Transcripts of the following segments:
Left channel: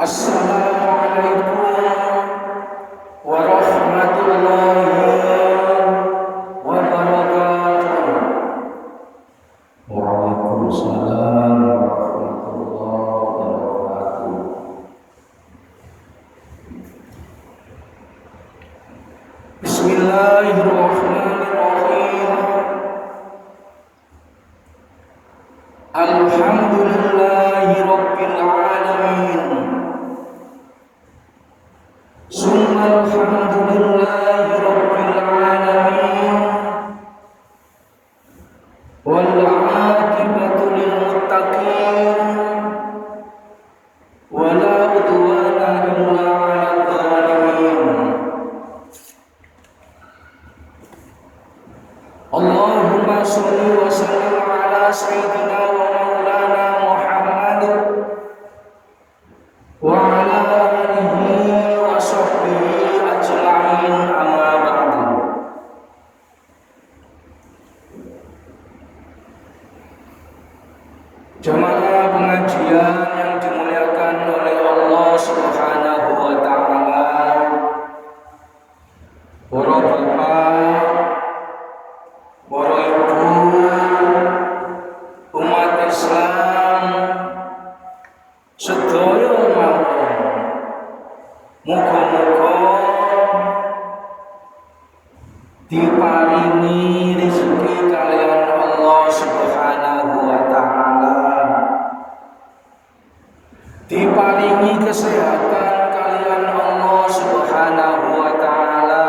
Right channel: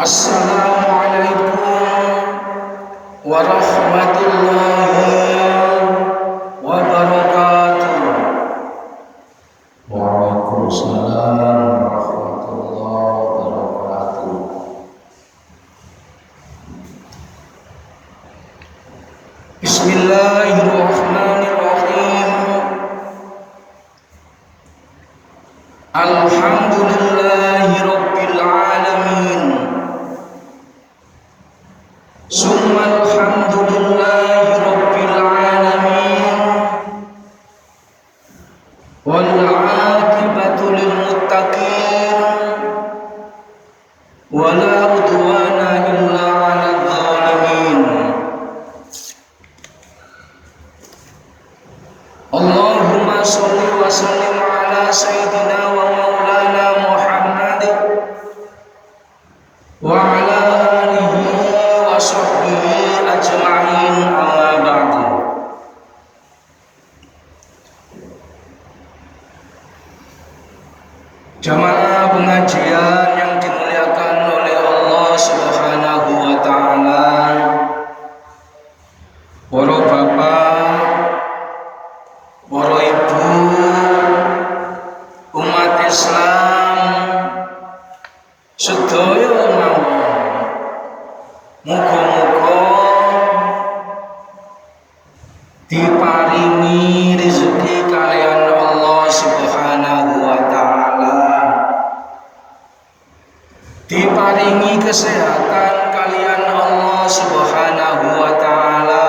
Assalamualaikum warahmatullahi wabarakatuh. Waalaikumsalam warahmatullahi wabarakatuh. Bismillahirrahmanirrahim. Alhamdulillahi rabbil alamin. Summa alhamdulillahi rabbil alamin. Wal aqibatu lil muttaqin. Wala udwana illa 'alal zalimin. Allahumma sholli wa sallim ala sayyidina wa maulana Muhammad wa ala alihi wa sahbihi ajma'in, amma ba'du. Jamaah pengajian yang dimuliakan oleh Allah Subhanahu wa taala, para bapak, para ibu, umat Islam sedaya mawon, muga-muga diparingi rezeki kalian Allah Subhanahu wa taala, diparingi kesehatan kalian Allah Subhanahu wa taala,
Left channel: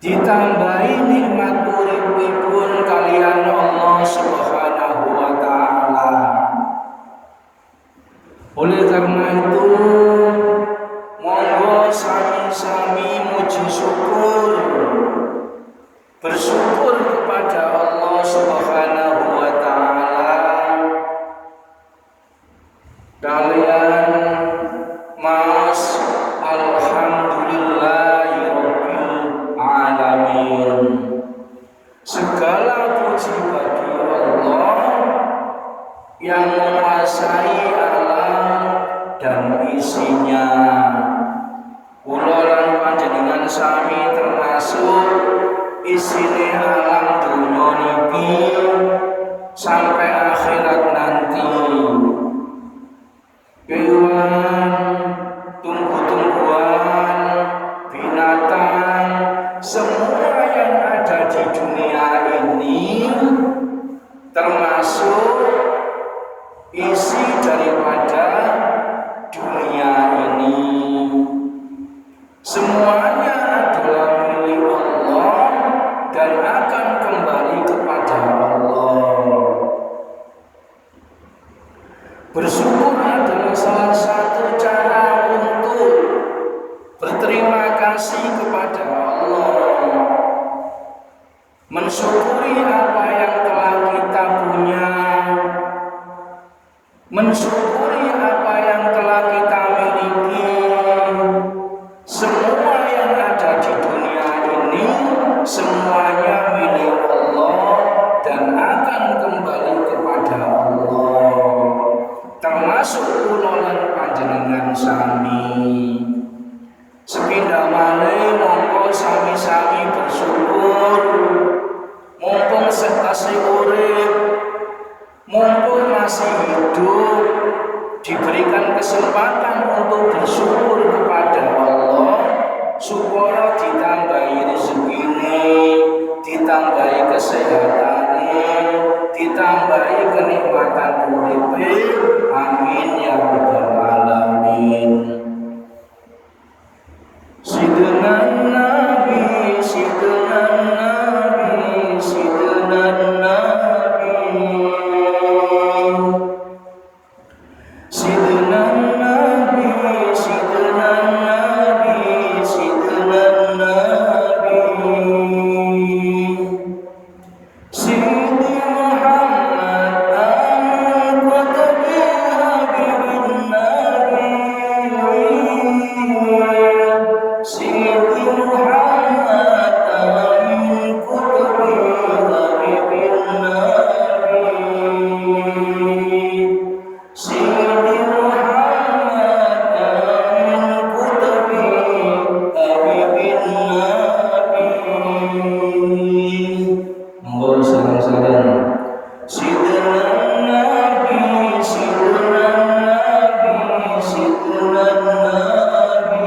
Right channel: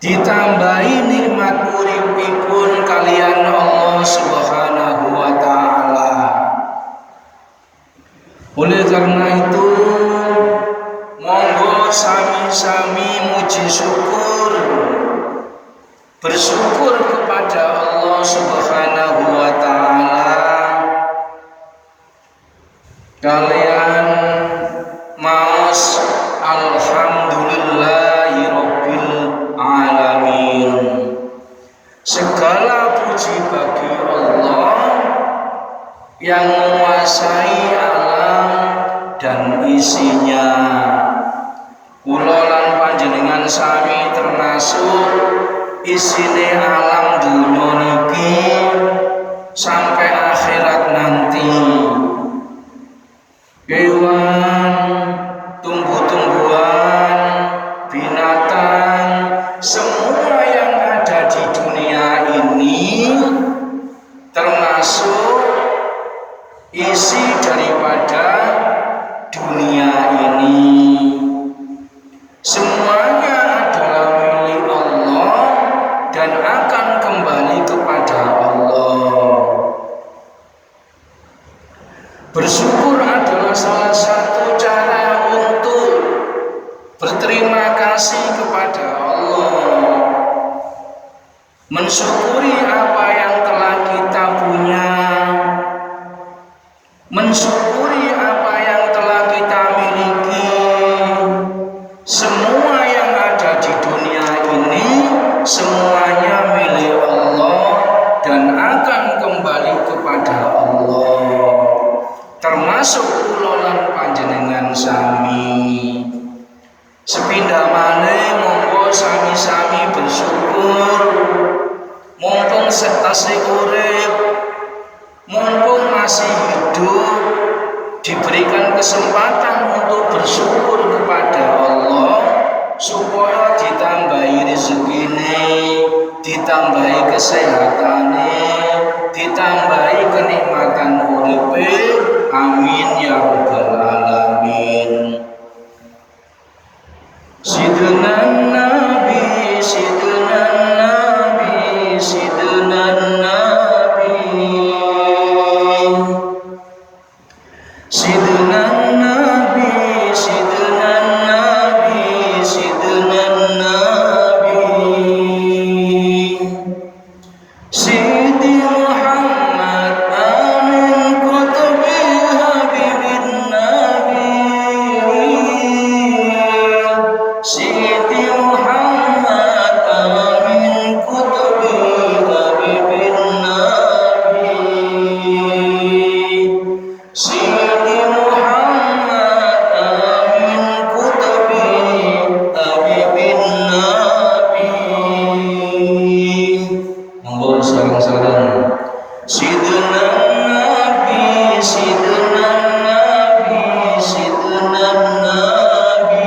ditambahi nikmat uripipun kalian Allah Subhanahu wa taala. Oleh karena itu, monggo sami-sami muji syukur, bersyukur kepada Allah Subhanahu wa taala. Kalian maos alhamdulillahi rabbil alamin. Segala puji bagi Allah yang menguasai alam dan isinya. Kula lan panjenengan sami termasuk isine alam dunya niki sampai akhirat nanti. Kewan, tumbuh-tumbuhan, binatang, semua yang ada di dunia ini termasuk isi daripada dunia ini. Semuanya adalah milik Allah dan akan kembali kepada Allah. Bersyukur adalah salah satu cara untuk berterima kasih kepada Allah. Mensyukuri apa yang telah kita punya, mensyukuri apa yang telah kita miliki. Semua yang ada di dunia ini semuanya milik Allah dan akan kembali kepada Allah, termasuk kula lan panjenengan sami. Sepindah malih monggo sami-sami bersyukur, mumpung setase urip, mumpung masih hidup, diberikan kesempatan untuk bersyukur kepada Allah supaya ditambahi rezekine, ditambahi kesehatane, ditambahi kenikmatan uripe. Amin ya rabbal alamin. Sidna Nabi, Sidna Nabi, Sidna Nabi, Sidna Nabi, Sidna Nabi, Sidna Nabi, Sidi Muhammad Amin Qutbi Habibin Nabi, Sidi Muhammad Amin Qutbi Habibin Nabi, Sidi Muhammad Monggo sareng-sareng Sidna Nabi, Sidna Nabi, Sidna Nabi,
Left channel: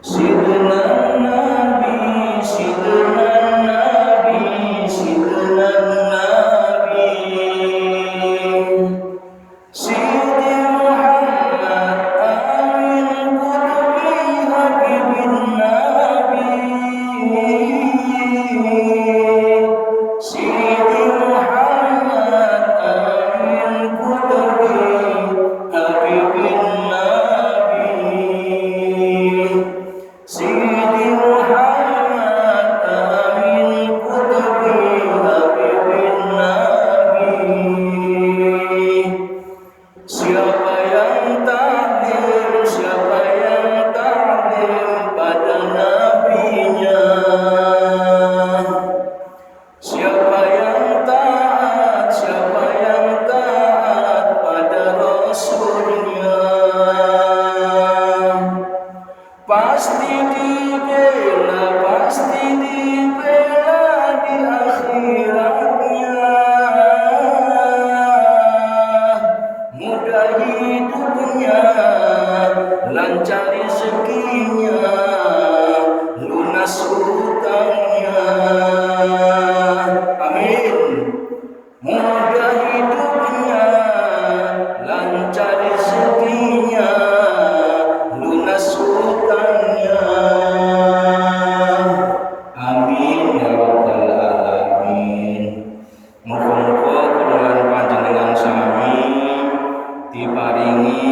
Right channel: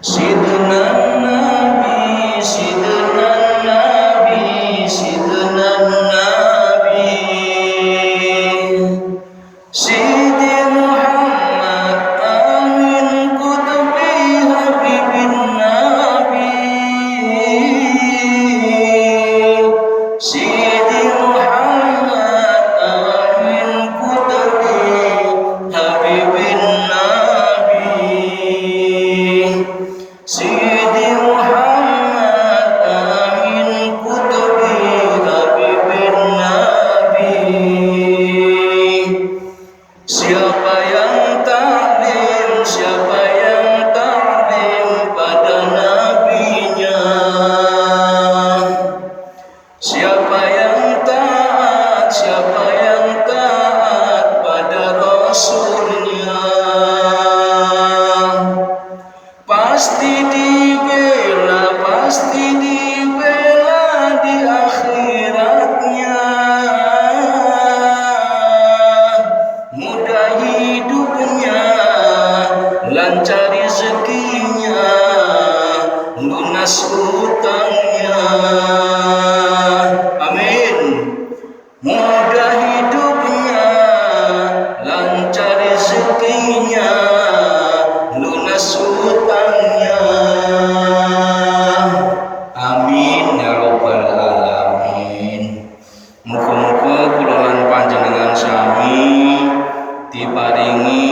Sidna Nabi, Sidna Nabi, Sidna Nabi, Sidi Muhammad Amin Kutubi Habibin Nabi, Sidi Muhammad Amin Kutubi Habibin Nabi, Sidi Muhammad Amin Kutubi Habibin Nabi. Siapa yang taklim, siapa yang taklim pada nabinya, siapa yang taat, siapa yang taat pada rasulnya, pasti dibela, pasti dibela di akhiratnya. Mudah hidupnya, lancar rezekinya, lunas hutangnya. Amin. Mudah hidupnya, lancar rezekinya, lunas hutangnya. Amin ya rabbal alamin. Muga-muga kula lan panjenengan sami diparingi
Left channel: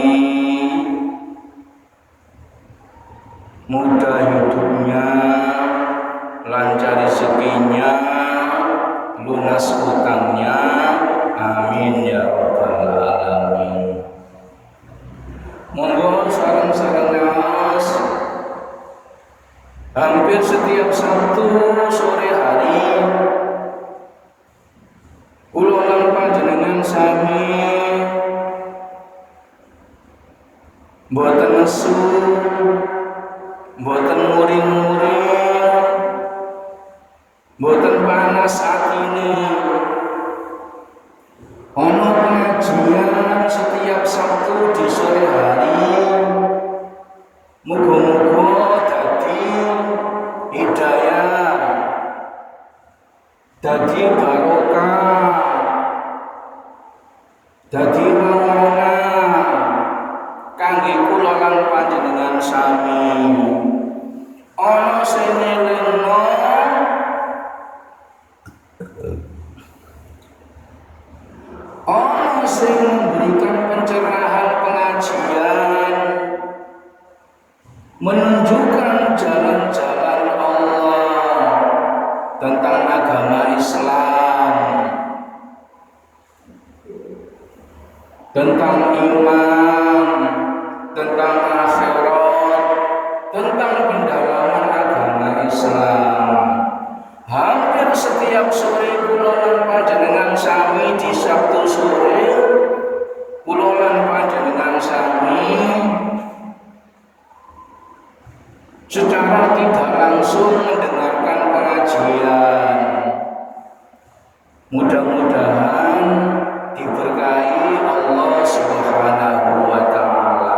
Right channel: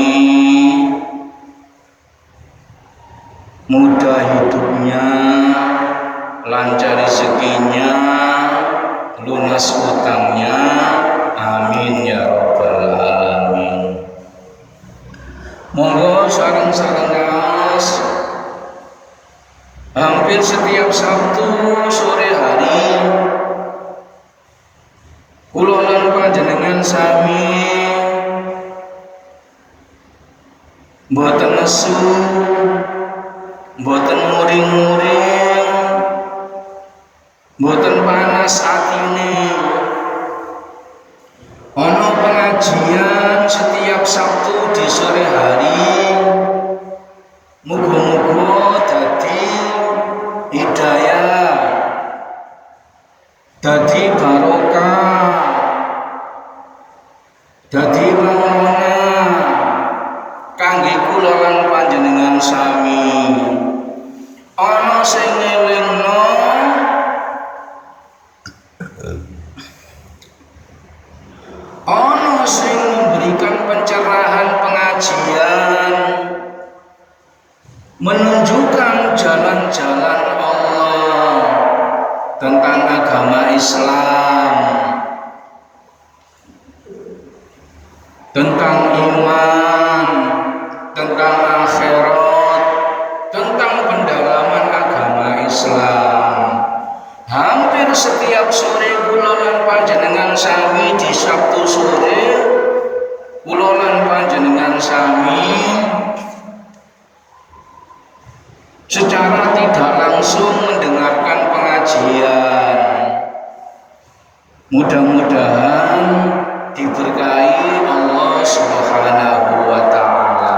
mudah hidupnya, lancar rezekinya, lunas hutangnya. Amin ya rabbal alamin. Monggo sareng-sareng ngaos hampir setiap Sabtu sore hari kula lan panjenengan sami mboten nesu, mboten muring-muring, mboten panas atine. Ono pengajian setiap Sabtu di sore hari. Muga-muga dadi hidayah, dadi barokah, dadi mamona kangge kula lan panjenengan sami. Ana sing ngelingno, ana sing memberikan pencerahan pengajian, menunjukkan jalan-jalan Allah tentang agama Islam, tentang iman, tentang akhirat, tentang pendalaman agama Islam. Hampir setiap sore kula lan panjenengan sami di Sabtu sore kula lan panjenengan sami secara tidak langsung mendengarkan pengajian. Mudah-mudahan diberkahi Allah Subhanahu wa taala.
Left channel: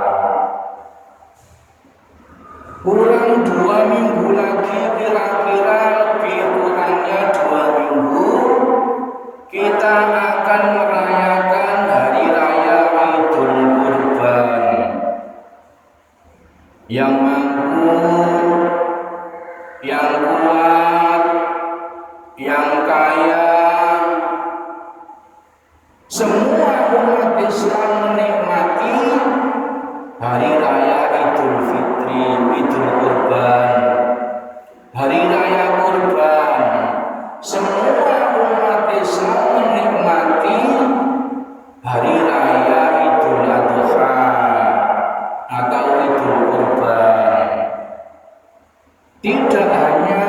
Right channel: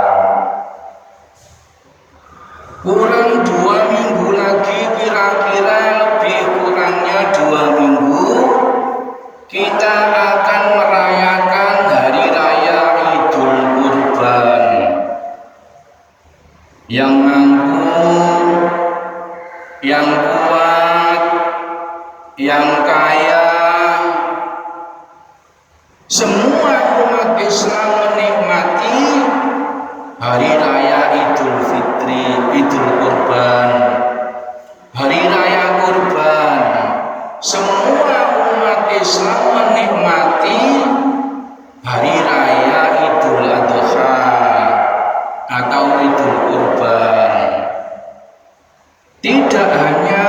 Kurang 2 minggu lagi, kira-kira lebih kurangnya 2 minggu, kita akan merayakan Hari Raya Idul Kurban. Yang mampu, yang kuat, yang kaya, semua umat Islam menikmati Hari Raya Idul Fitri, Idul Kurban, Hari Raya Kurban. Semua umat Islam menikmati Hari Raya Idul Adha atau Idul Kurban. Tidak hanya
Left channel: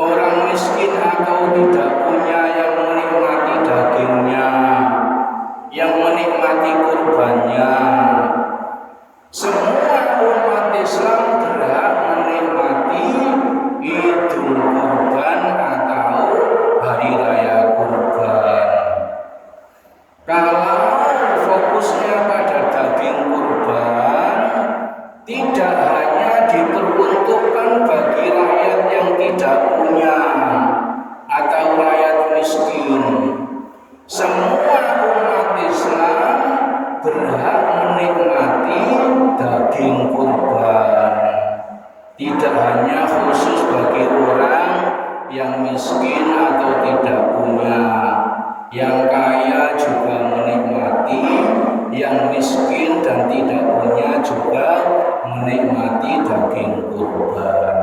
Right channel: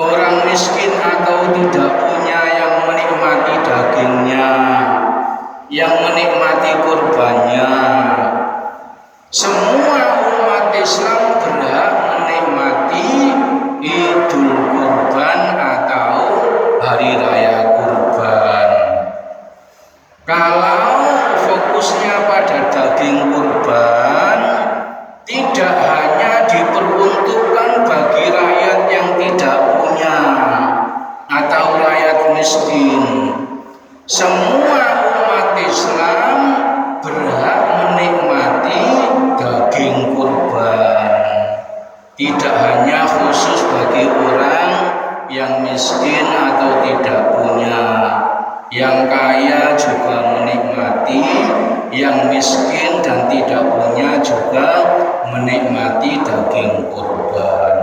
orang miskin atau tidak punya yang menikmati dagingnya, yang menikmati kurbannya. Semua umat Islam berhak menikmati yang miskin atau tidak punya, yang kaya juga menikmati, yang miskin dan tidak punya juga menikmati daging kurban.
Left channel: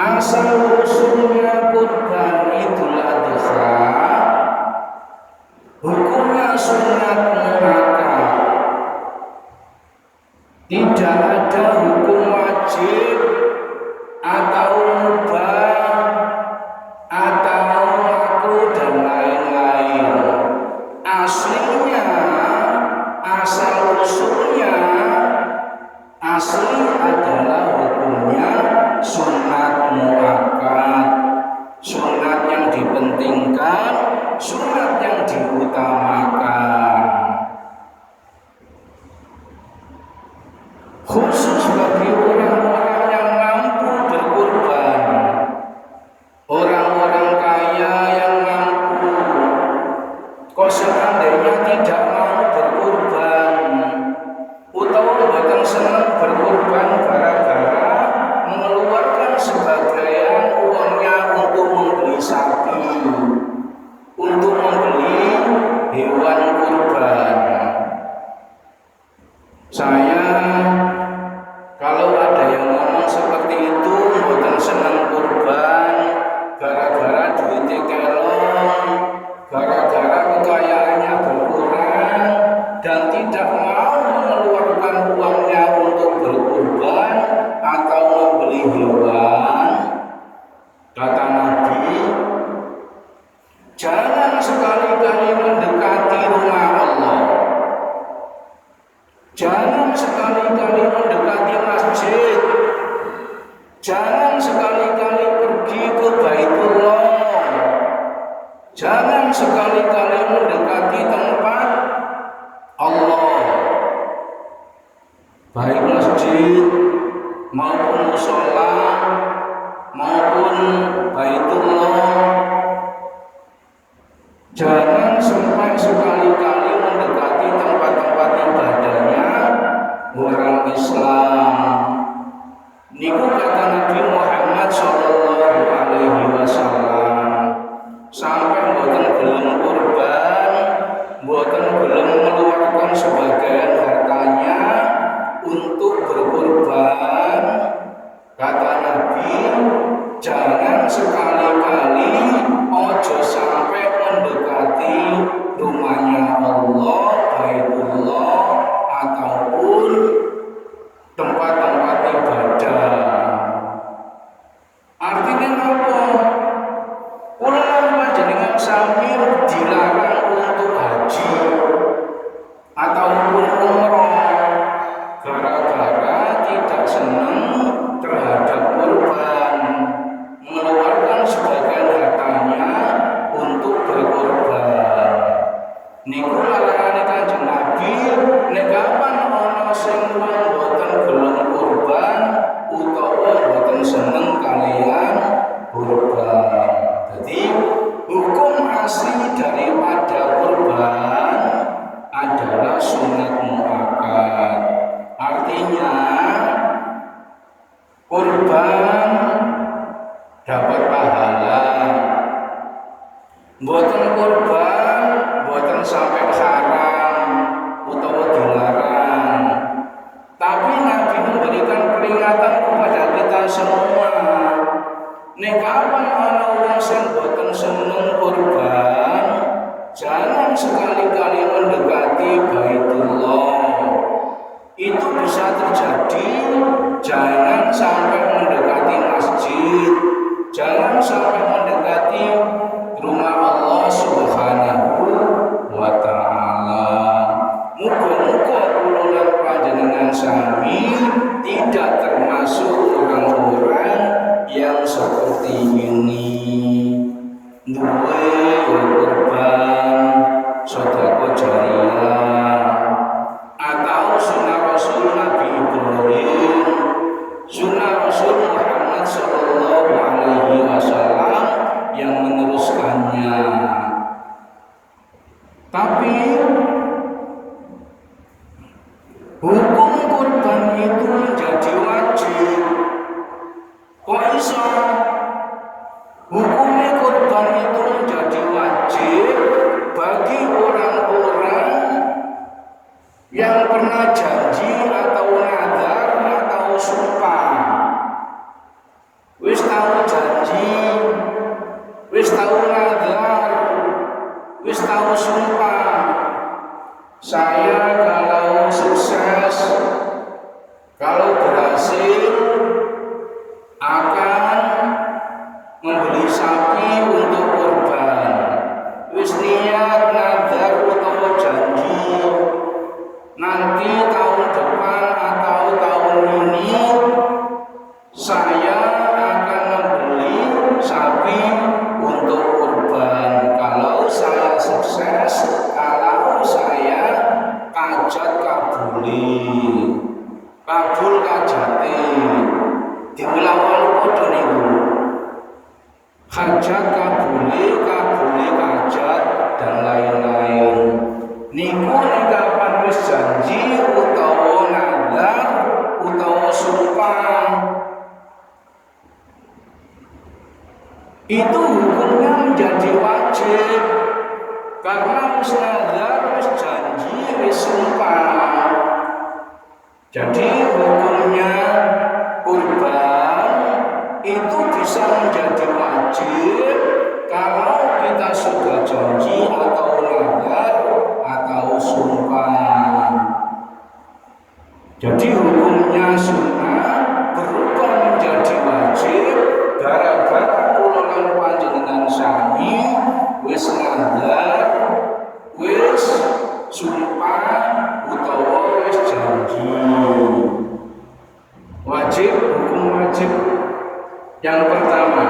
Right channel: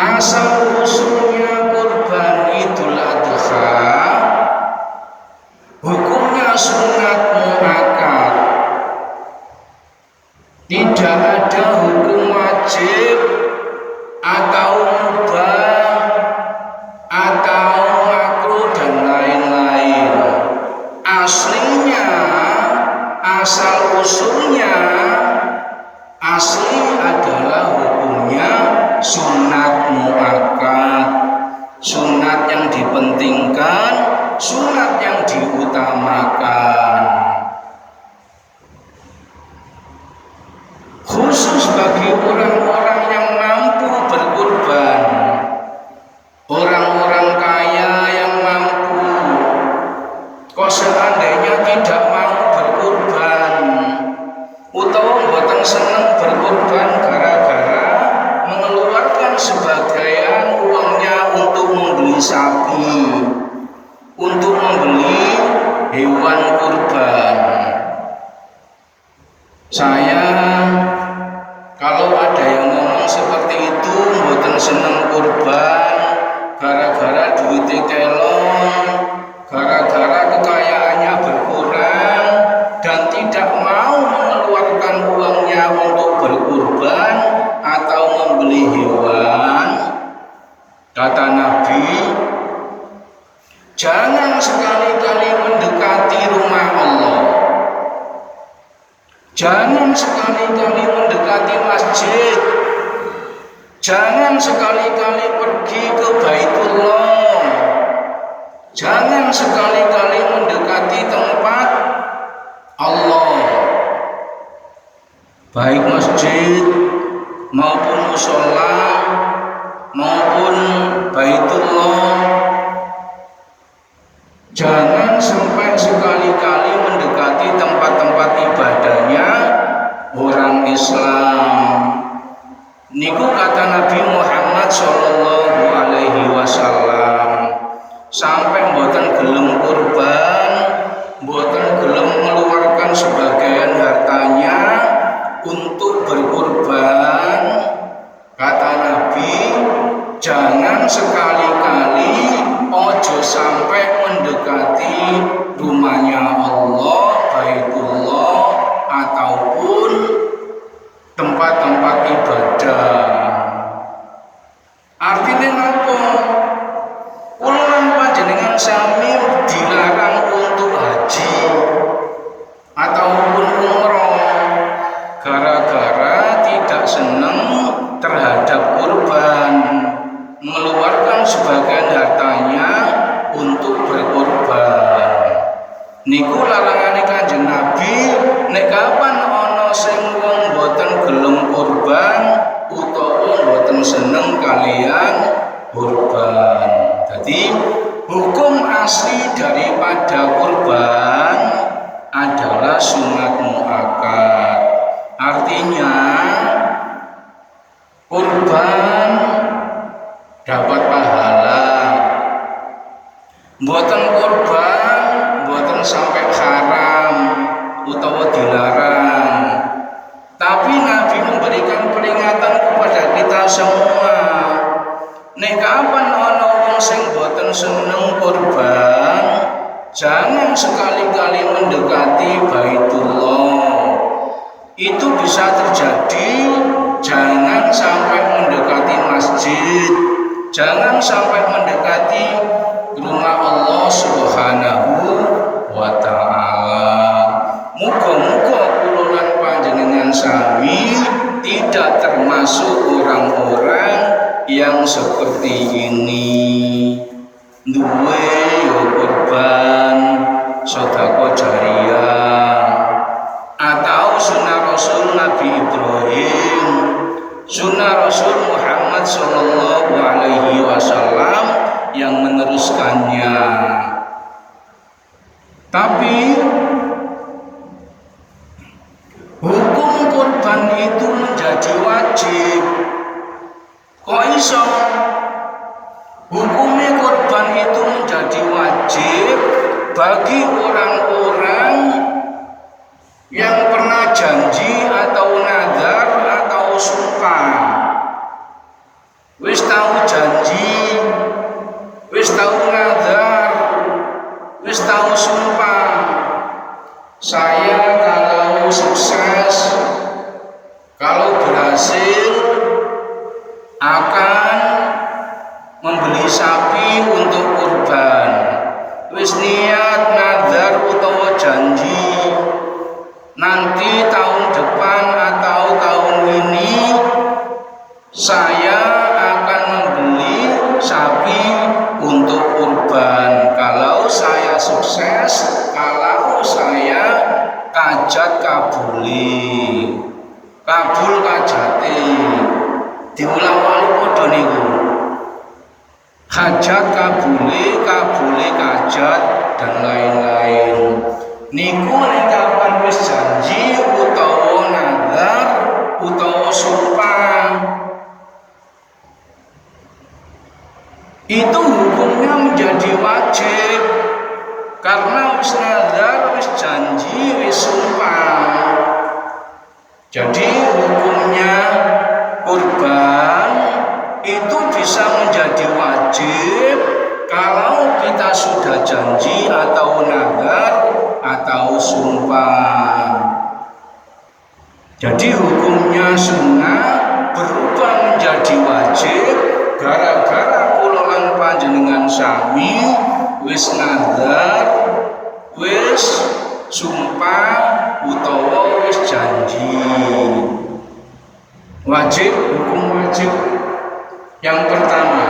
Asal usulnya kurban Idul Adha hukumnya sunat muakkad, tidak ada hukum wajib atau mubah atau makruh dan lain-lain. Aslinya, asal usulnya, asli adalah hukumnya sunat muakkad, sunat yang dipentingkan, sunat yang diutamakan. Khusus bagi orang-orang yang mampu berkurban, orang-orang kaya yang mampu. Kok seandainya tidak mau berkurban, utawa mboten seneng berkurban gara-gara mengeluarkan sebagian uangnya untuk membeli sapi, untuk membeli hewan kurban. Saya kalau ada yang ngomong seperti itu, mboten seneng kurban gara-gara duitnya kelong, gara-gara kekayaannya berkurang dan tidak mau mengeluarkan uangnya untuk berkurban atau membeli hewan. Kata Nabi, jangan sekali-kali mendekati rumah Allah, jangan sekali-kali mendekati masjid, jangan sekali-kali pergi ke Baitullah, jangan sekali-kali mendekati tempat Allah, baik masjid maupun mushola maupun Baitullah. Jangan sampai sekali-kali mendekati tempat-tempat ibadahnya orang Islam. Niku kata Nabi Muhammad sallallahu alaihi wasallam, sampai mboten gelem kurban, mboten gelem mengeluarkan sebagian hartanya untuk berkurban. Kata Nabi, jangan sekali-kali ojo sampai mendekati rumahnya Allah, Baitullah, ataupun tempat-tempat ibadah. Artinya apa? Ulang panjenengan sami dilarang untuk haji ataupun umroh gara-gara tidak senang terhadap kurban, mengeluarkan sebagian hartanya untuk berkurban. Niku larangane Kanjeng Nabi, nek kapan ana sing wong boten gelem kurban utawa boten seneng kalian kurban. Jadi hukum asli daripada kurban adalah sunat muakkad. Artinya kurban dapat pahala, mboten kurban mboten sampai haram utawa dilarang. Tapi Nabi memberikan peringatan kepada kita semua, nek kapan ana wong sing mboten seneng kurban, jangan sekali-kali mendekati Baitullah. Itu bisa terjadi, jangan sampai mendekati masjid, jangan sampai mendekati rumah Allah Subhanahu wa ta'ala. Muga-muga kula lan panjenengan sami tidak termasuk orang-orang yang seperti ini. Duwe yo kurban sedekah jariyah atau sunnah Rasul Nabi Ibrahim, sunnah Rasul Muhammad sallallahu alaihi wasallam yang meneruskannya. Tapi hukum kurban itu menjadi wajib. Kok iso? Hukumnya kurban itu menjadi wajib bagi orang-orang yang pernah janji atau nadar atau sumpah. Wis tahu janji, wis tahu nadar, wis tahu sumpah. Saya kalau sukses, kalau berhasil akan membeli sapi untuk kurban. Wis niat nadar utawa janji, nanti tahun depan atau tahun ini saya akan membeli sapi untuk kurban. Kalau saya sukses, kalau saya kajat kabuli, kabul kajati, diulang-ulang padha niku. Hajat kabuli, kabuli kajat dan lain-lain. Niku nek kapan wis janji utawa nadar utawa sumpah, itu hukumnya menjadi wajib karena wis nadar, wis janji, wis sumpah. Jadi hukumnya kurban itu bisa menjadi wajib kalau kita sudah janji atau nadar atau sumpah. Jadi hukumnya sunnah berubah menjadi wajib gara-gara kula lan panjenengan sami wis nadar, wis sumpah utawa wis janji. Wajib, hukum wajib yang pertama.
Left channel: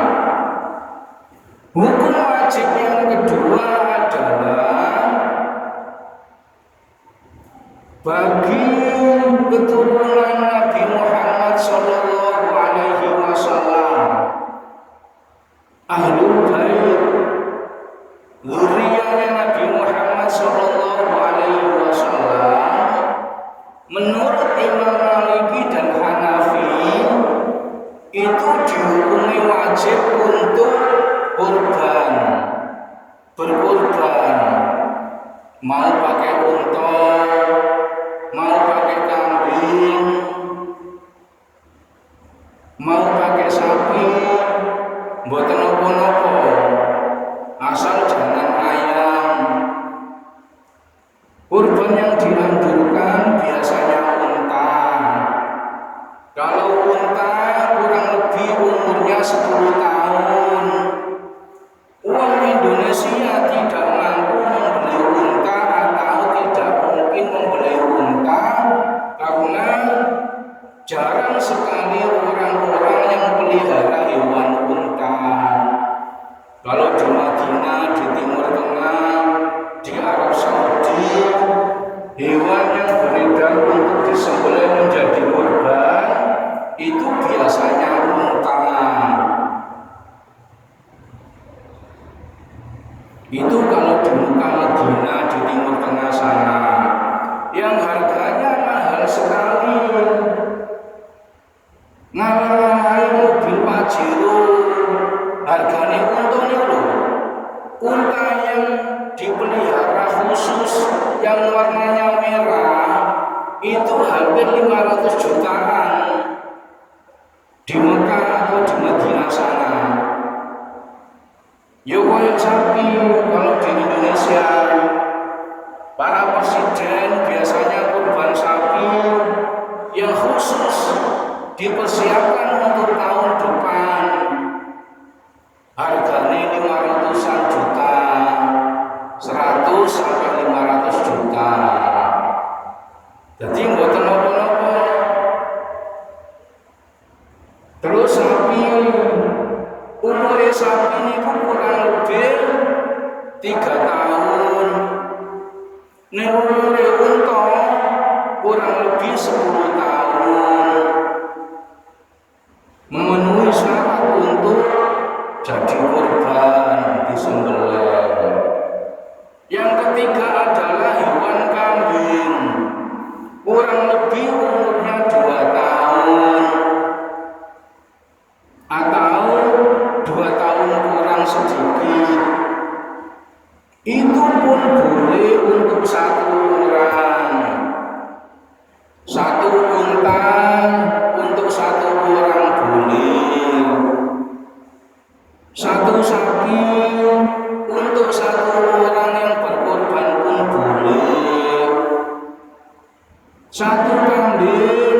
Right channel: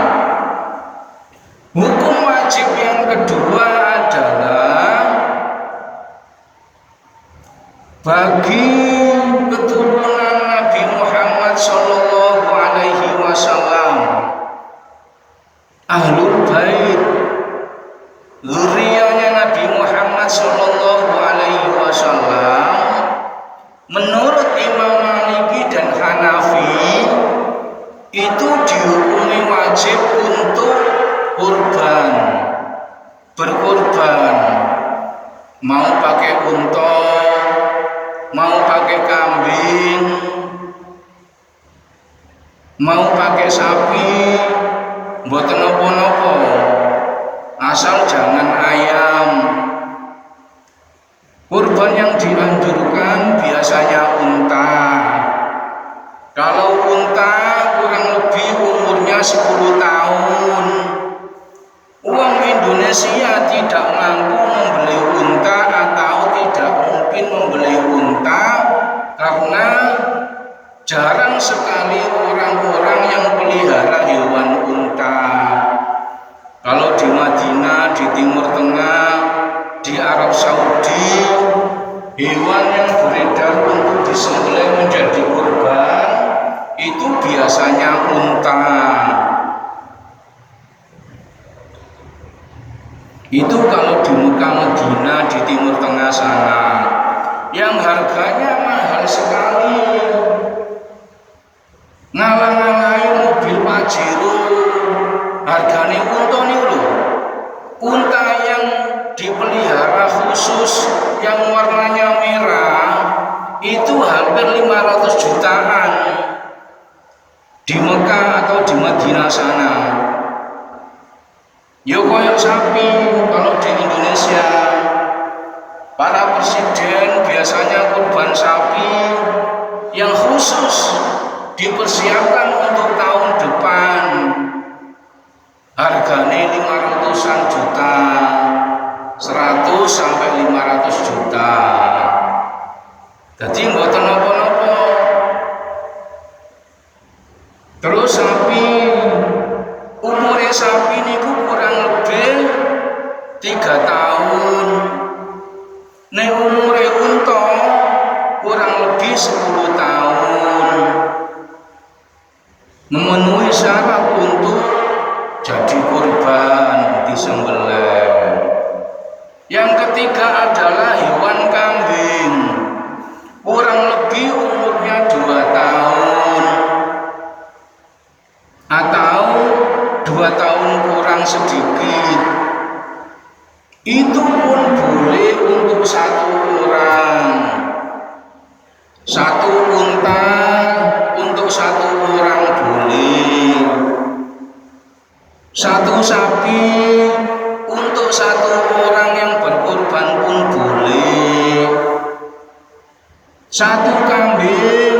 Hukum wajib yang kedua adalah bagi keturunan Nabi Muhammad sallallahu alaihi wasallam, Ahlul Bait, zuriyahnya Nabi Muhammad sallallahu alaihi wasallam, menurut Imam Maliki dan Hanafi itu dihukumi wajib untuk kurban, berkurban, mau pakai unta, mau pakai kambing, mau pakai sapi, mboten napa-napa, asal jangan ayam. Kurban yang dianjurkan biasanya unta. Kalau unta kurang lebih umurnya 10 tahun. Uang Indonesia tidak mampu membeli unta atau tidak mungkin membeli unta karena jarang sekali orang-orang yang pelihara hewan unta. Kalau di Madinah, di Timur Tengah, di Arab Saudi, hewan yang beredar untuk disembelih menjadi kurban itu biasanya unta. Itu kalau di Mekah, Madinah, di Timur Tengah sana, yang harganya mahal sekali, ngalang-ngalai mobil Pajero. Harganya unta nih loh, unta yang dipelihara khusus yang warnanya merah itu hampir 500 jutaan di Mekah atau di Madinah sana. Yo koyok sapi kalau di Indonesia para presiden biasanya kurban sapi yang khusus dipersiapkan untuk tahun depan. Harganya 500-an juta, 100 sampai 500 juta. Jadi mboten napa-napa. Terus sapi, umurnya sapi niku kurang lebih 3 tahun. Nek umurnya unta kurang lebih 10 tahun. Memenuhi syarat untuk jadi kurban disembelih. Yang ketiga adalah hewan kambing, kurang lebih umurnya 2 tahun atau 2 tahun kurang. orang sedikit. Itu pun boleh untuk satu orang. Satu unta untuk satu orang boleh. Satu sapi untuk satu orang yang berkorban pun boleh. Satu kambing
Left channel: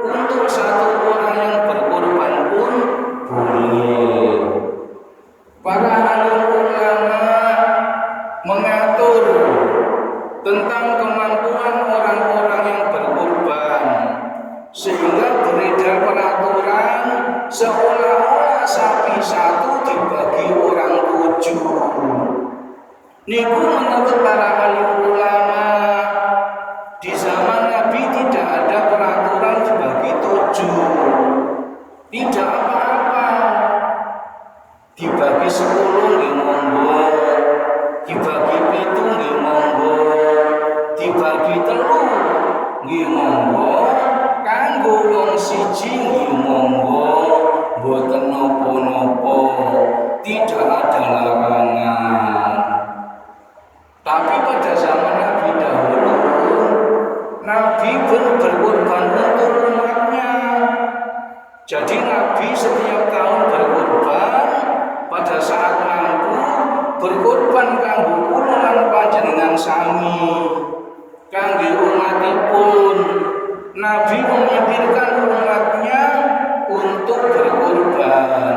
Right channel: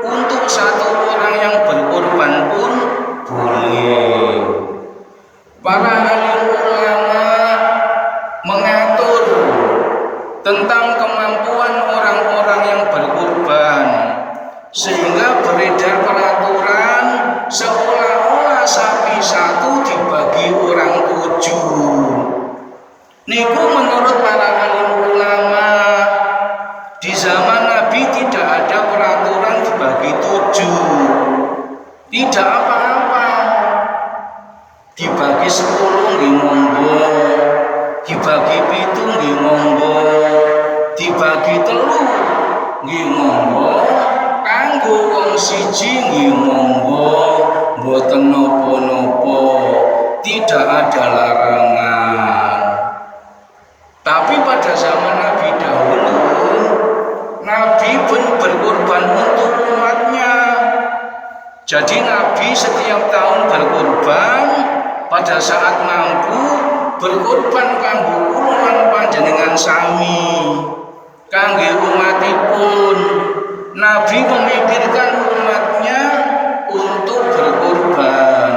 untuk satu orang yang berkorban pun boleh. Para alim ulama mengatur tentang kemampuan orang-orang yang berkorban, sehingga beredar peraturan seolah-olah sapi satu dibagi orang 7. Niku menurut para alim ulama, di zaman Nabi tidak ada peraturan dibagi 7. Tidak apa-apa. Dibagi 10 nggih monggo, dibagi 7 nggih monggo, dibagi 3 nggih monggo, kanggo wong siji nggih monggo, mboten napa-napa, tidak ada larangan. Tapi pada zaman Nabi dahulu, Nabi pun berkorban untuk umatnya. Jadi Nabi setiap tahun berkorban, pada saat mampu berkorban kanggo kula lan panjenengan sami, kangge umatipun. Nabi memikirkan umatnya untuk berkorban.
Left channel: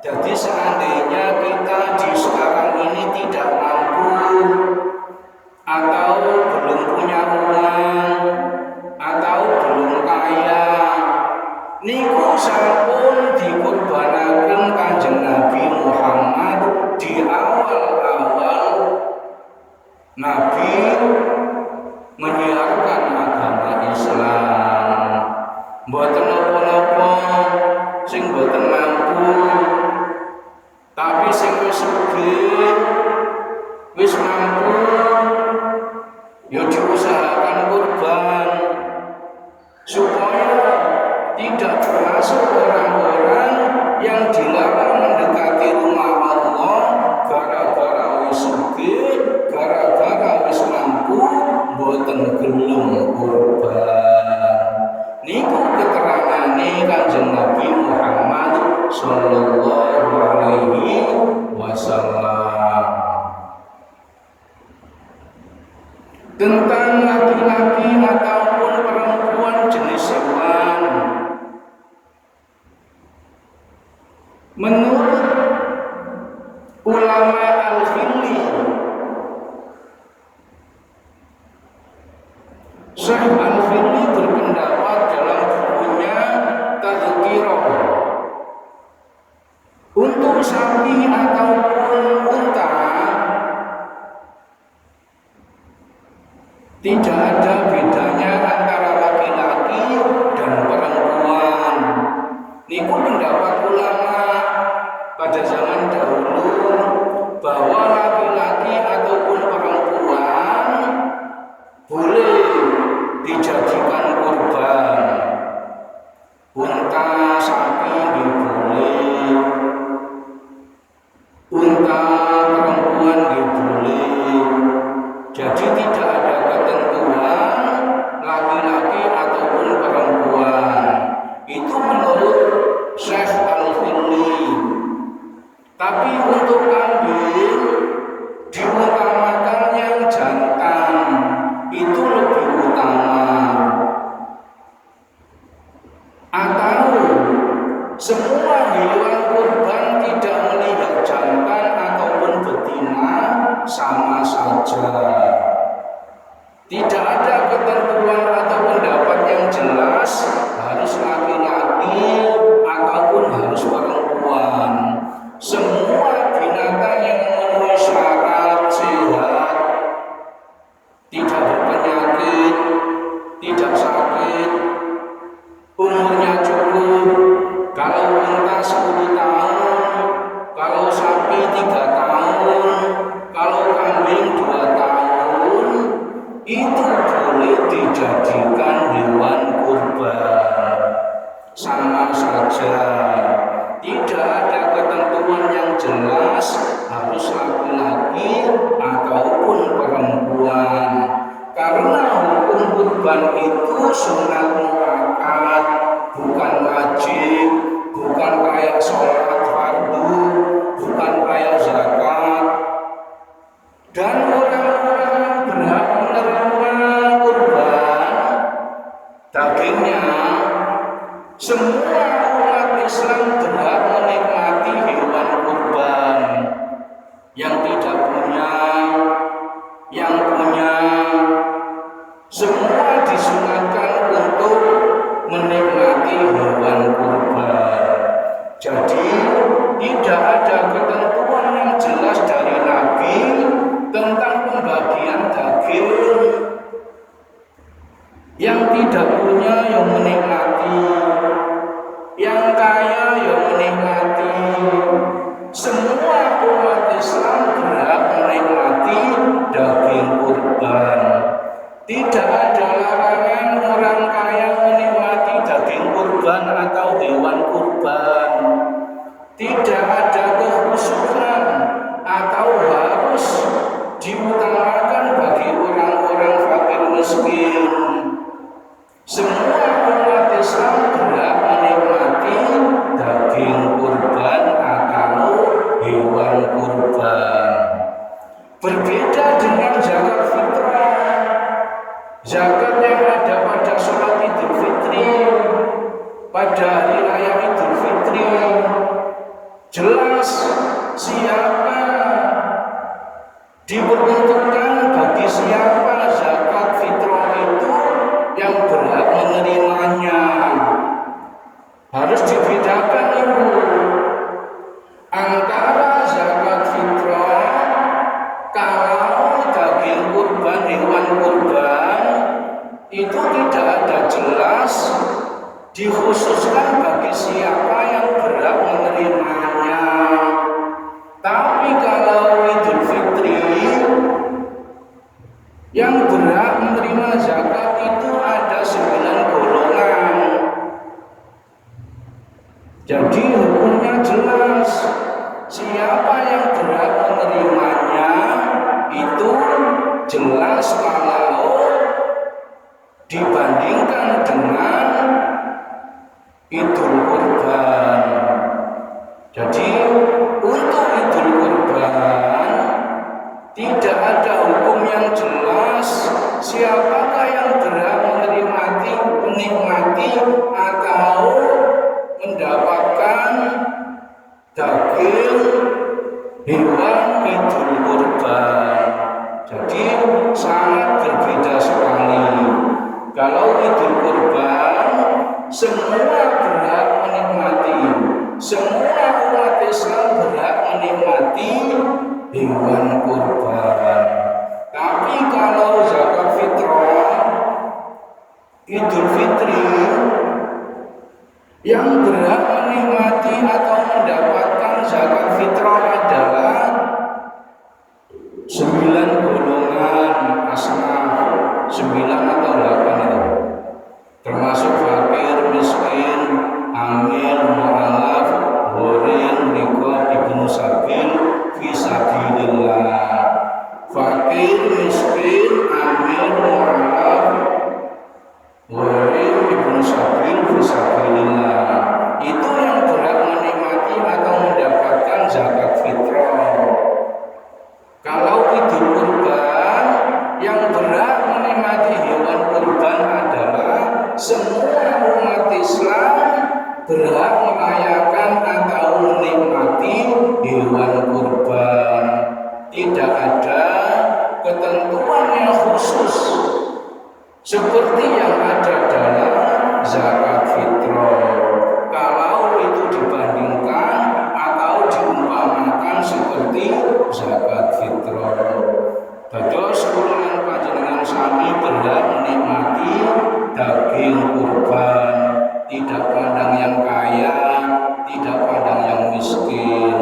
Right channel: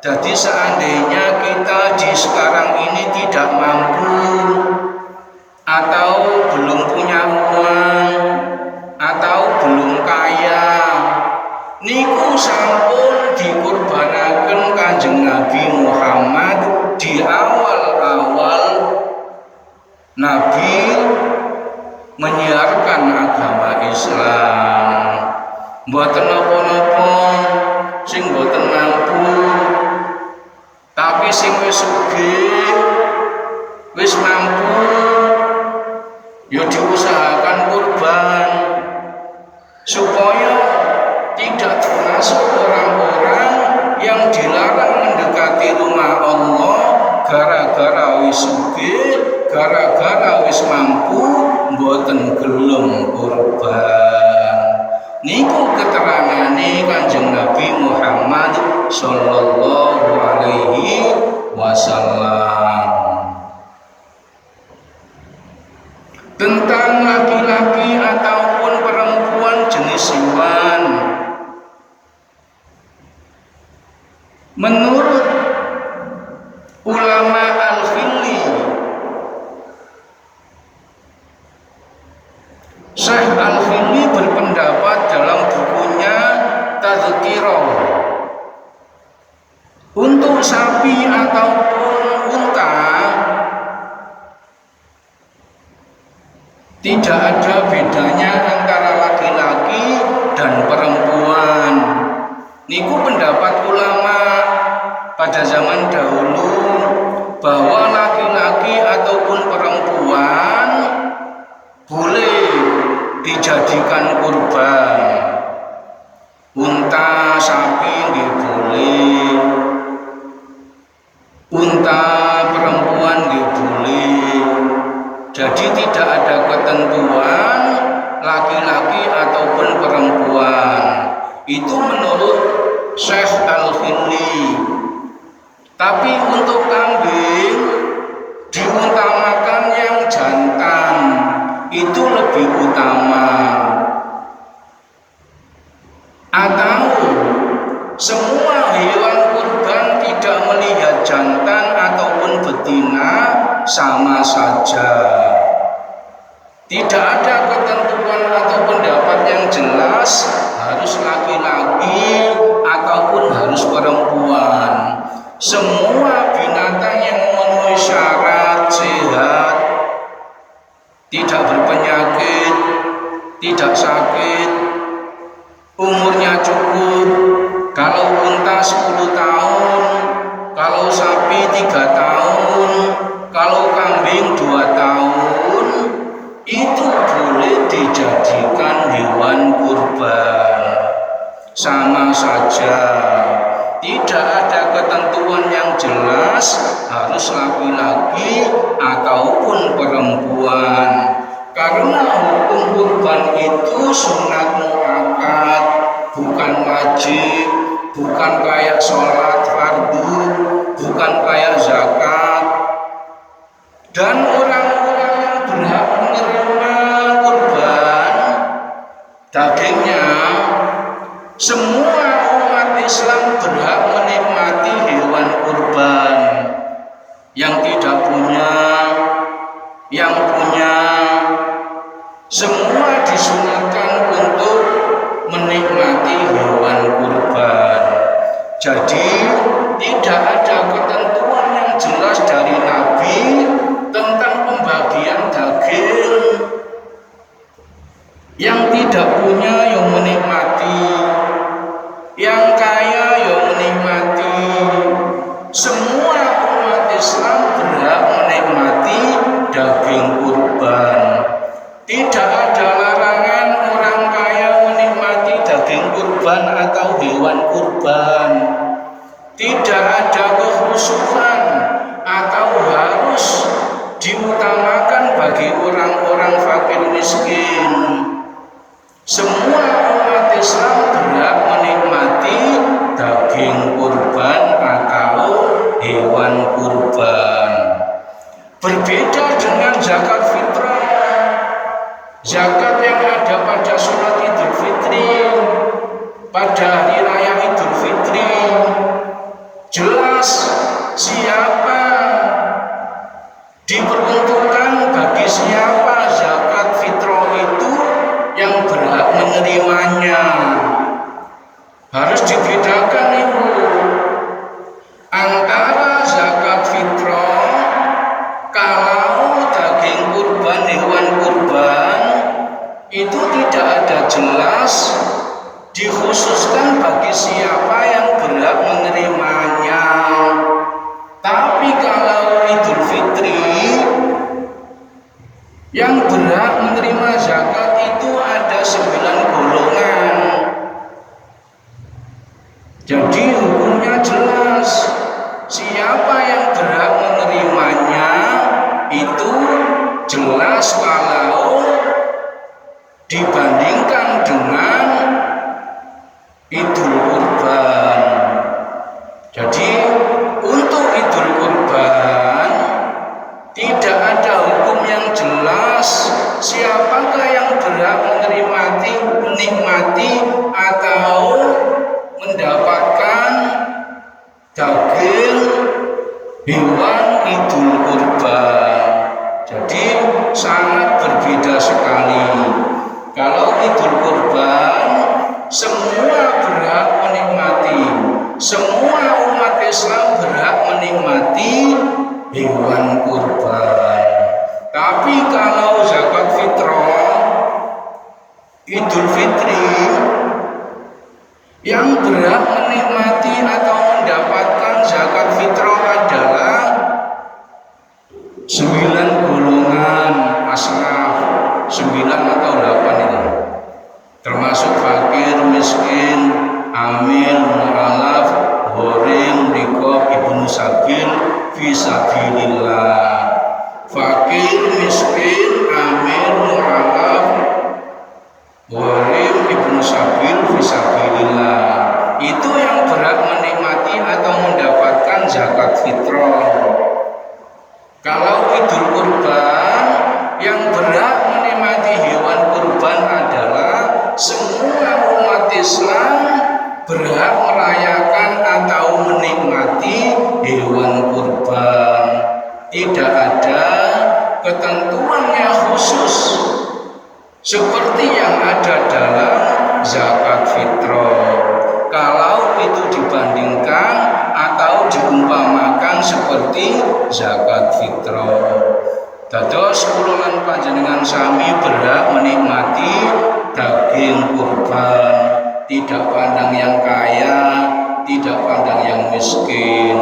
Jadi seandainya kita di sekarang ini tidak mampu atau belum punya uang atau belum kaya, niku sampun dikurbanaken Kanjeng Nabi Muhammad di awal-awal Nabi menyiarkan agama Islam. Mboten napa-napa sing mboten mampu, tapi sing wis sugih, wis mampu, ya diusahakan kurban supaya tidak termasuk orang-orang yang dilarang mendekati rumah Allah gara-gara wis sugih, gara-gara wis mampu, mboten gelem kurban. Niku keterangane Kanjeng Nabi Muhammad sallallahu alaihi wasallam tentang laki-laki ataupun perempuan jenis hewan. Menurut ulama al-Khilli, Syekh al-Khilli berpendapat dalam bukunya Tazkirah, untuk sapi ataupun unta tidak ada bedanya antara laki-laki dan perempuan. Niku pendapat ulama pada zaman dahulu, bahwa laki-laki ataupun perempuan boleh dijadikan kurban. Unta, sapi nggih boleh, unta perempuan nggih boleh. Jadi tidak ada ketentuan laki-laki ataupun perempuan. Itu menurut Syekh Al-Khilli. Tapi untuk kambing diutamakan yang jantan, itu lebih utama. Atau semua hewan kurban tidak melihat jantan ataupun betina sama saja. Tidak ada ketentuan atau pendapat yang jelas harus laki-laki ataupun harus perempuan. Semua binatang yang memenuhi syarat sehat, tidak berpenyakit, tidak sakit, umurnya cukup. Kalau unta 10 tahun, kalau sapi 3 tahun, kalau kambing 2 tahun, itu boleh dijadikan hewan kurban. Sama saja, tidak ada ketentuan yang jelas harus laki-laki ataupun perempuan. Karena hukum kurban itu sunat muakkad, bukan wajib, bukan kayak sholat fardu, bukan kayak zakat. Dan orang-orang yang berhak menerima kurban dagingnya, semua umat Islam berhak menikmati hewan kurban. Yang tidak punya, yang punya, semua disunatkan untuk menikmati hewan kurban. Jadi tidak ada ketentuan yang jelas dari Nabi tentang pembagian daging. Yang tidak punya yang menikmati, yang kaya yang menikmati. Semua umat Islam berhak menikmati daging kurban. Tidak ada larangan orang kaya menikmati daging kurban atau hewan kurban. Tidak ada kekhususan atau harus diutamakan bagi orang-orang fakir miskin. Semua umat Islam berhak menikmati daging kurban atau hewan kurban. Berbeda dengan zakat fitrah. Zakat yang ada pada sholat Idul Fitri, pada hari raya Idul Fitri, jelas siapa diperuntukkan, bagi siapa zakat fitrah itu yang berhak menerimanya. Harus dibedakan ibu antara zakat fitrah, kalau daging kurban, hewan kurban itu tidak ada jelas dikhususkan bagi siapa yang berhak menerimanya. Tapi kalau Idul Fitri, yang berhak menerima zakat itu ada 9 golongan. Jadi hukumnya jelas, siapa yang berhak menerimanya itu jelas kalau dibandingkan dengan Idul Kurban. Jadi untuk Idul Kurban tidak ada hukum yang jelas siapakah yang berhak menikmati atau mendapatkan daging hewan Idul Kurban. Jadi sangat berbeda sekali. Kalau Idul Kurban semua berhak menikmati, semua umat Islam berhak menikmati hewan kurban. Tapi kalau zakat fitrah, Idul Fitri, yang berhak menikmati atau mendapatkan zakat fitrah adalah 9 golongan asnaf, 9 atau 8 ini, termasuk fakir, miskin, amil, mu'alaf, gharim, riqab, ibnu sabil, fisabilillah. Fakir, miskin, amil, mu'alaf, gharim, ibnu sabil, fisabilillah. Itu yang berhak menikmati atau mendapatkan zakat fitrah. Kalau Idul Kurban, yang berhak menikmati hewan kurban adalah semua umat Islam berhak merayakan atau menikmati hewan kurban. Tidak ada ketentuan yang khusus seperti yang ada dalam zakat fitrah. Kalau itu dibandingkan atau diumpamakan seperti zakat fitrah. Dados kula lan panjenengan sami berhak menikmati daging kurban, tidak pandang yang kaya, tidak pandang yang miskin.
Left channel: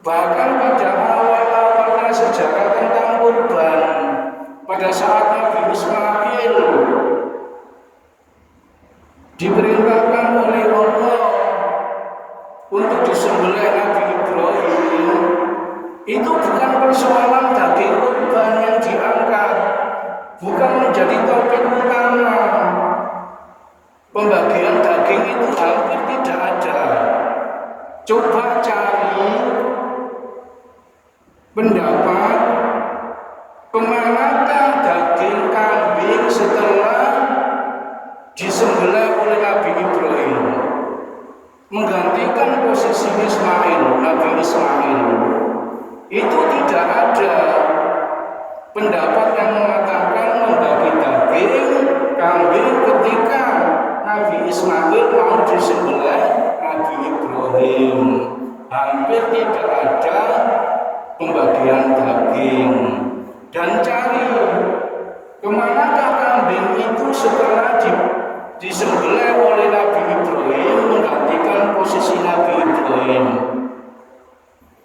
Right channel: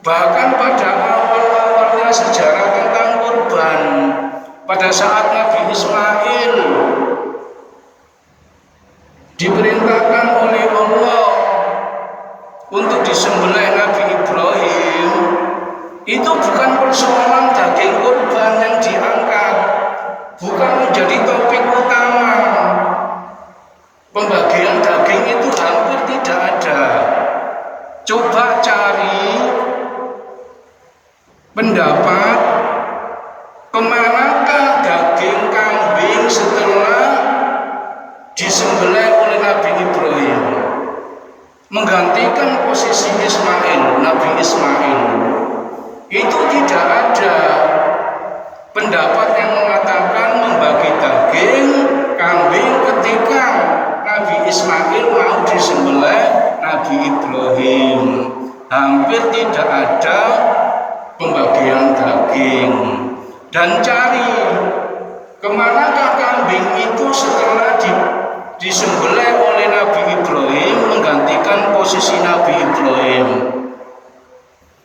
Bahkan pada awal-awalnya sejarah tentang kurban, pada saat Nabi Ismail diperintahkan oleh Allah untuk disembelih Nabi Ibrahim itu bukan persoalan daging kurban yang diangkat, bukan menjadi topik utama. Pembagian daging itu hampir tidak ada. Coba cari pendapat kemanakah daging kambing setelah disembelih oleh Nabi Ibrahim menggantikan posisi Ismail, Nabi Ismail. Itu tidak ada pendapat yang mengatakan membagi daging kambing ketika Nabi Ismail mau disembelih Nabi Ibrahim. Hampir tidak ada pembagian daging. Dan cari kemanakah kambing itu setelah disembelih oleh Nabi Ibrahim menggantikan posisi Nabi Ibrahim.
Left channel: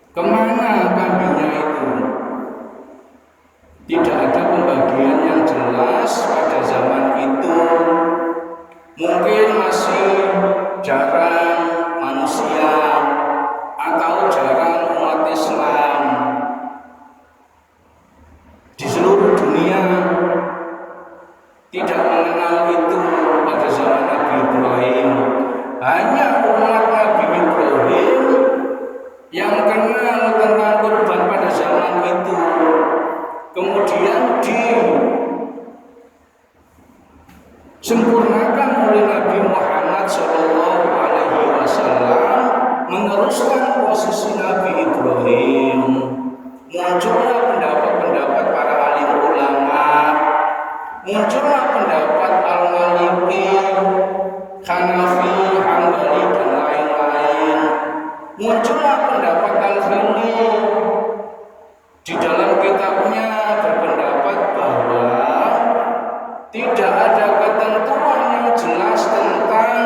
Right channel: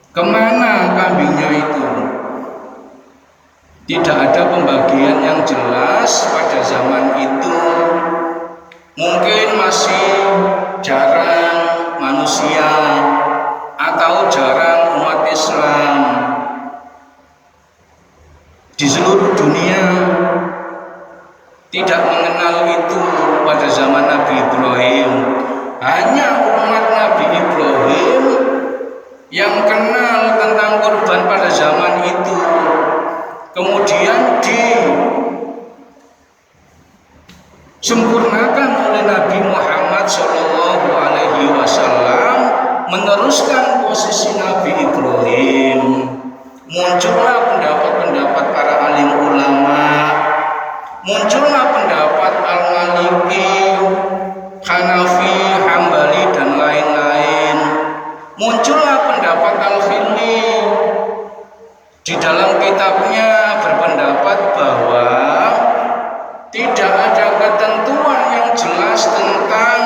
Kemana kambingnya itu? Tidak ada pembagian yang jelas pada zaman itu. Mungkin masih jarang manusia atau jarang umat Islam di seluruh dunia tidak mengenal itu pada zaman Nabi Ibrahim. Hanya umat Nabi Ibrahim yang kenal tentang kurban pada zaman itu. Kemudian disempurnakan oleh Nabi Muhammad SAW meneruskan posisi Nabi Ibrahim. Muncullah pendapat-pendapat para alim ulama, muncullah pendapat Al-Maliki, Hanafi, Hambali dan lain-lain. Muncullah pendapat Al-Khilli. Di dalam kitabnya berpendapat bahwa tidak ada ketentuan yang jelas tentang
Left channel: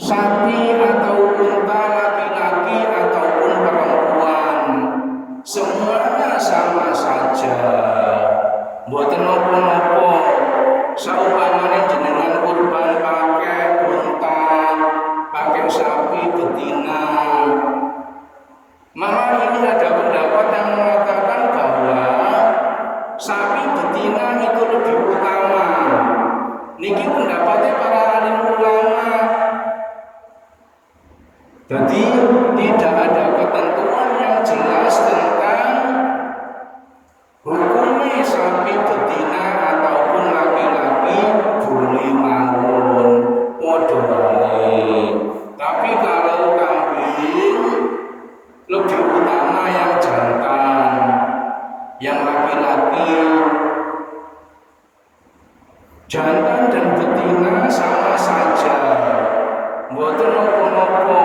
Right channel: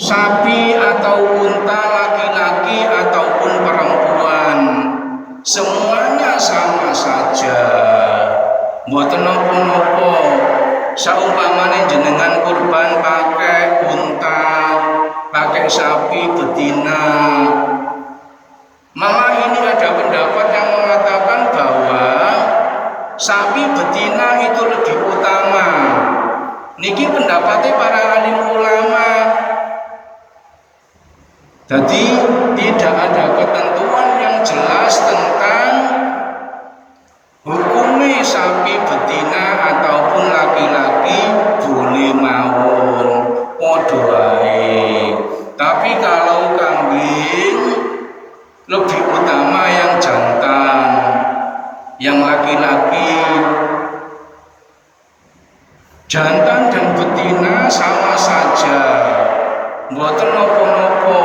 sapi atau unta, laki-laki ataupun perempuan. Semuanya sama saja. Mboten napa-napa. Saumpamane jenengan kurban pakai unta, pakai sapi betina. Malah ini ada pendapat yang mengatakan bahwa sapi betina itu lebih utama. Niki pendapatnya para alim ulama. Jadi tidak ada ketentuan yang jelas tentang hukumnya sapi betina ataupun laki-laki boleh mawon padha wae. Tapi kalau kambing lebih utama yang jantan, yang laki-laki. Jantan dan betina sama saja, mboten napa-napa.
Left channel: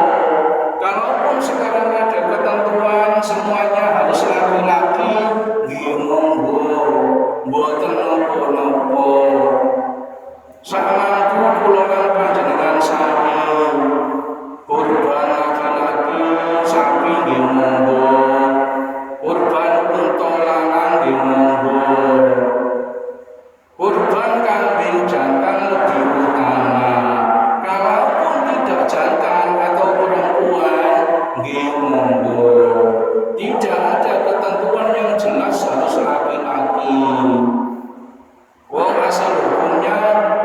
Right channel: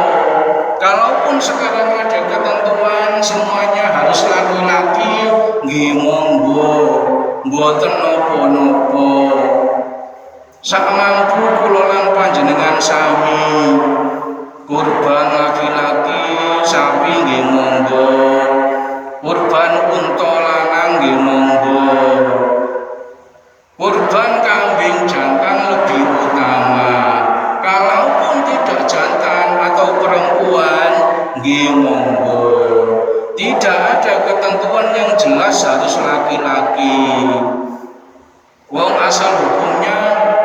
Kalaupun sekarang ada ketentuan semuanya harus laki-laki, nggih monggo, mboten napa-napa. Sak mampu kula lan panjenengan sami kurban laki-laki, sapi nggih monggo. Kurban unta lanang nggih monggo. Kurban kambing jantan lebih utama. Kalaupun tidak jantan atau perempuan nggih monggo. Tidak ada ketentuan yang jelas harus laki-laki. Wong asal hukumnya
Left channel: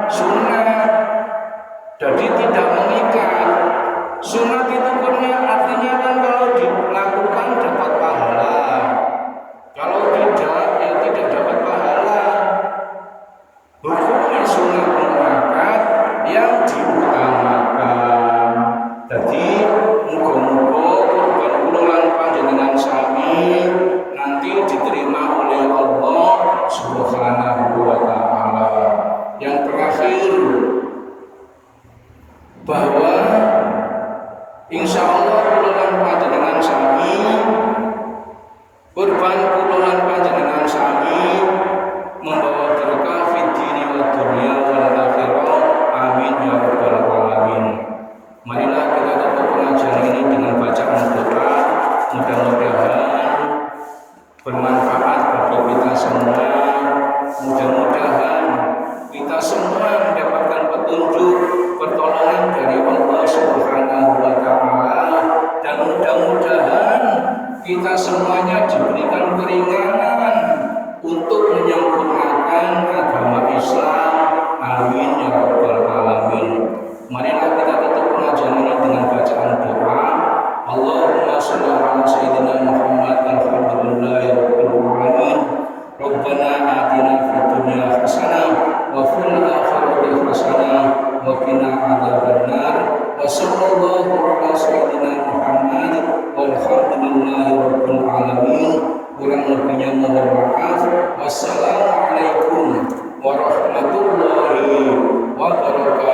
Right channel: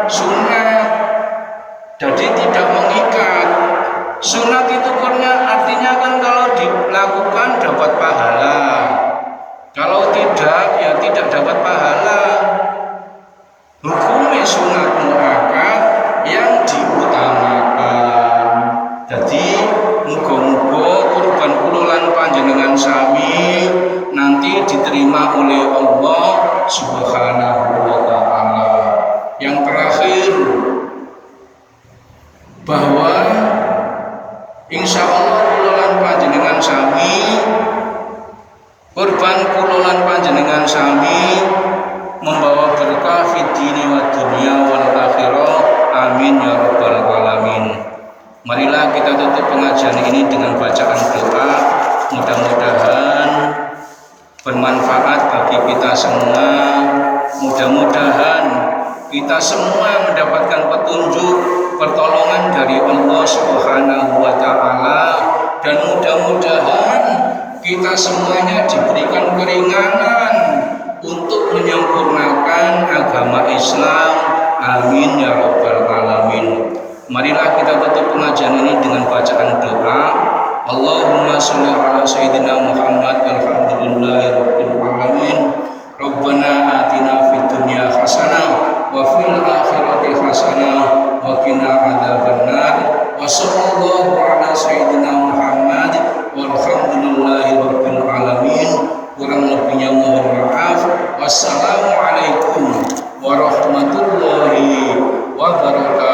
sunat. Jadi tidak mengikat. Sunat itu artinya kan kalau dilakukan dapat pahala. Kalau tidak ya tidak dapat pahala. Hukumnya sunat muakkad yang diutamakan. Jadi muga-muga kurban kula lan panjenengan sami nanti diterima oleh Allah Subhanahu wa taala. Yang terakhir bahwa insya Allah kula lan panjenengan sami kurban kula lan panjenengan sami membawa berkah fid dini wa dunya wal akhirah. Amin ya rabbal alamin. Marilah kita tutup pengajian ini dengan bacaan doa. Mudah-mudahan bermanfaat bagi kita semua. Mudah-mudahan kita semua mendapatkan petunjuk, pertolongan dari Allah Subhanahu wa taala. kita semuanya diberikan keringanan untuk menyempurnakan agama Islam. Amin ya rabbal alamin. Marilah kita tutup pengajian ini dengan bacaan doa. Allahumma sholli ala sayyidina Muhammad alhamdulillahirabbil alamin. Rabbana atina fid dunya hasanah wa fil akhirati hasanah wa qina adzabannar. Wa sallallahu ala sayyidina Muhammad walhamdulillahirabbil alamin. Kurang lebihnya mohon maaf. Wassalamualaikum warahmatullahi wabarakatuh.